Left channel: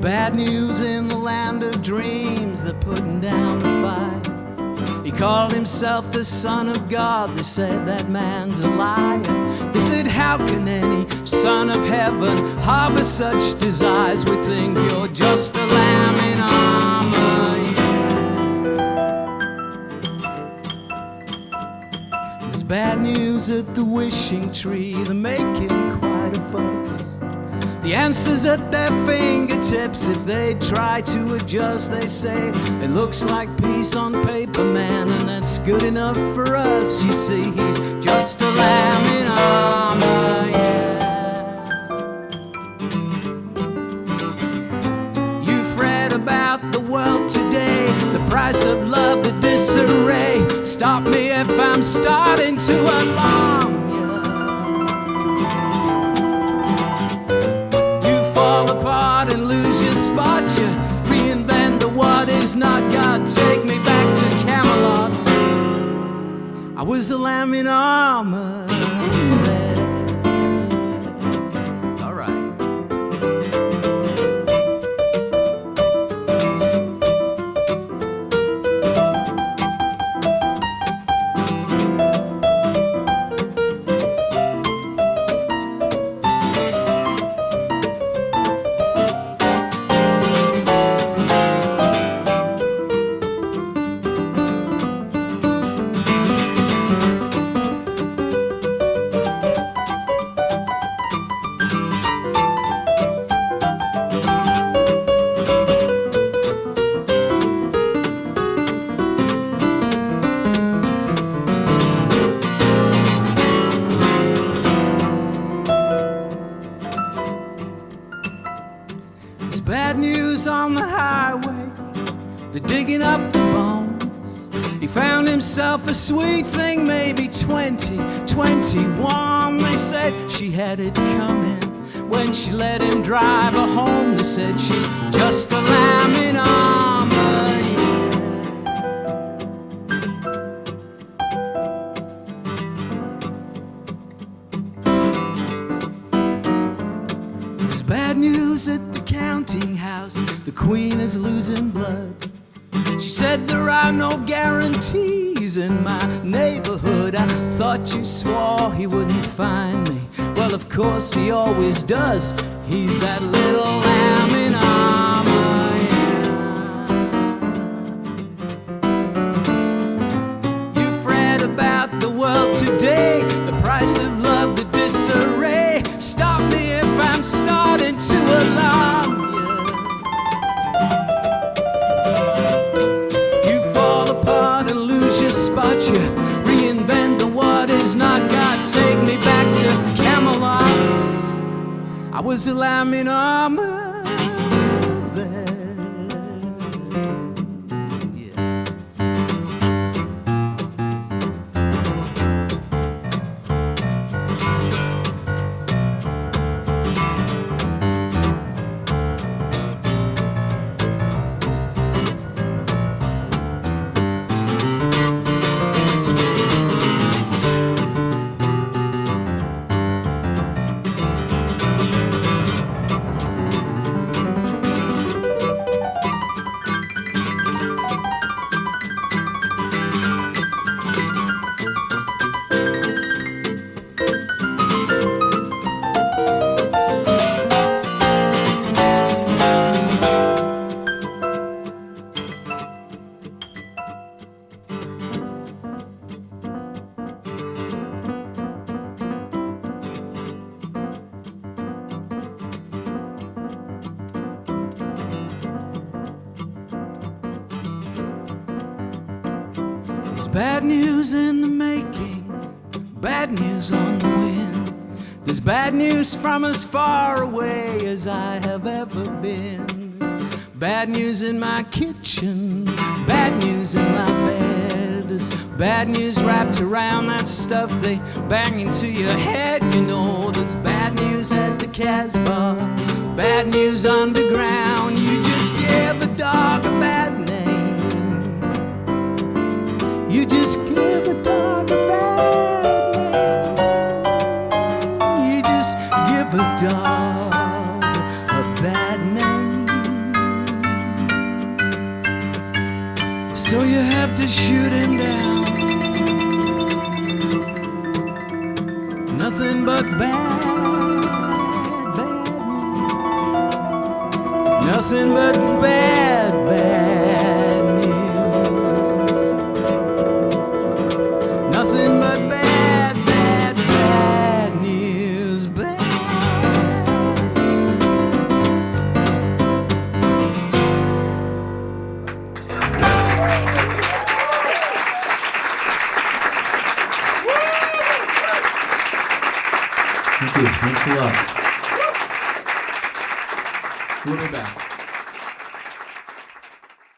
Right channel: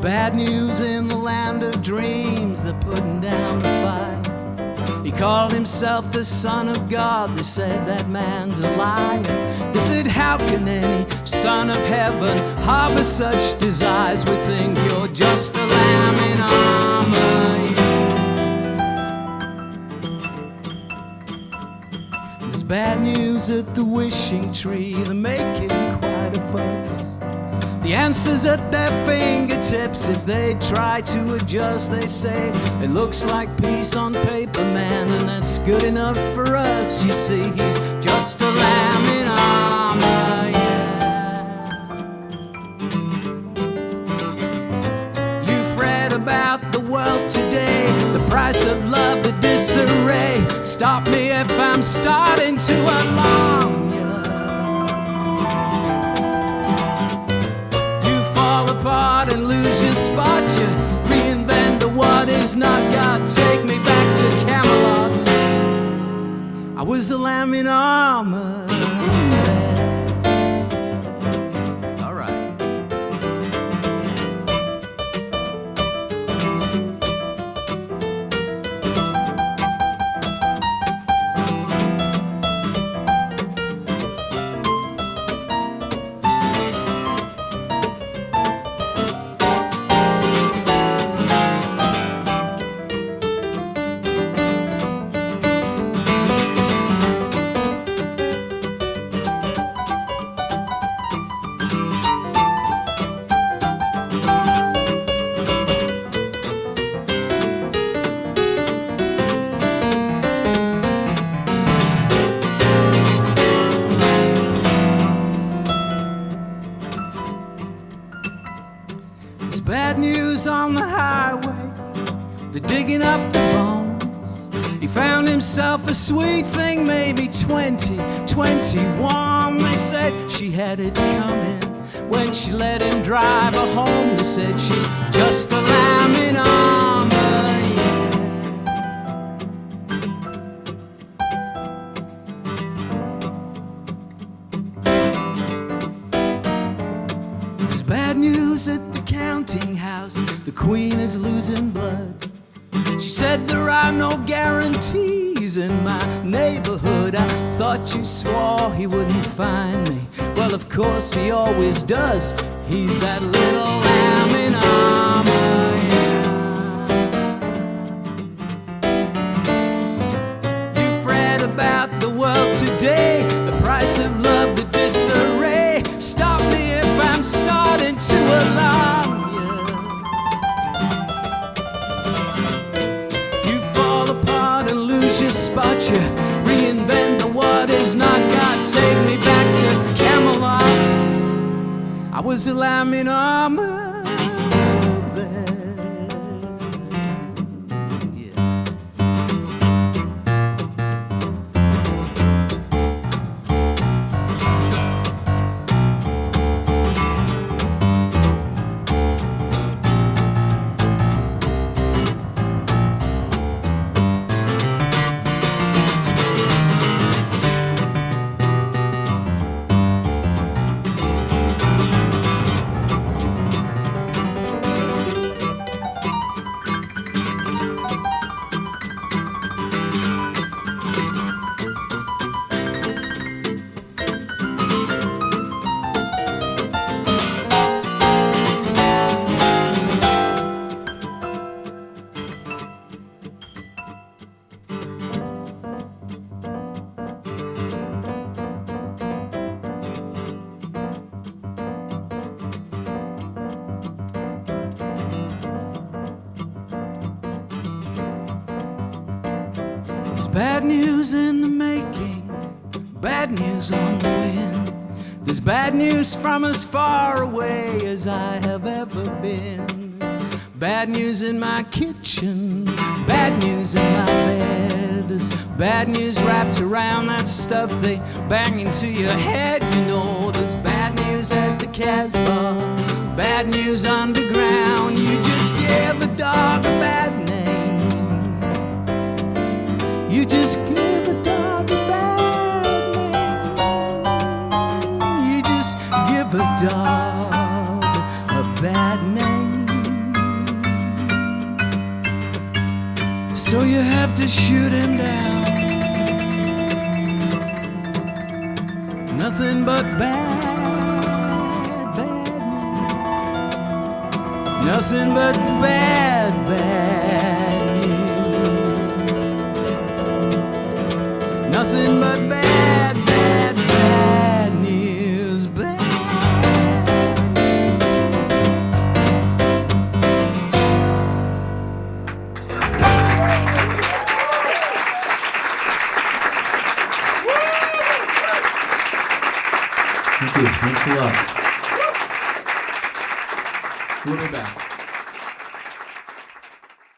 Bad news in the land of dreams, they're putting down the fight. He called himself the Son of God, they said that man's a liar. They said, how can any son of heaven harbor such desires? We think you're just a lamb in armor, yeah. There's bad news at the wishing tree, they're making quite a fuss. The answer's at their fingertips. If they try to adjust, they say it looks like peace on paper, man, and that's good enough for us. You see, he's just a lamb in armor, yeah. You've read about the world today, the price of love, the disarray. Stop me if I'm starting to alarm. Fall apart and lose your spot. You reinvent the what is not God. Take me back to Camelot. I was a lamb in armor. All right. Bad news on the highway, they're digging up the bones. He found himself a sweet thing, maybe 20, 21. They said she had it coming when she let him drive her home. They said she's just a lamb in armor, yeah. There's bad news at the counting house, the queen is losing blood. She said there are no guarantees in my neighborhood. I thought you swore he wouldn't find me. Well, of course he always does. He's that little lamb in armor, yeah. You've read about the world today, the price of love, the disarray. Stop me if I'm starting to alarm. Just spot you, reinvent the what is not God. Take me back to Camelot. I was a lamb in armor there. Bad news in the making, bad news on the wind. There's bad news from as far away as I have ever been. Bad news in my kitchen, bad news in my bed. There's bad news wrapped around that stuff they bang into your head. You know, there's bad news at the Casbah, bad news underground. You just give a dog a bad name. You just give a dog a bad name. You just give a dog a bad name. so you have to shoot him down. Nothing but bad news. Nothing but bad news. Nothing but bad news. Bad. Thank you. Thanks a lot. We'll be back.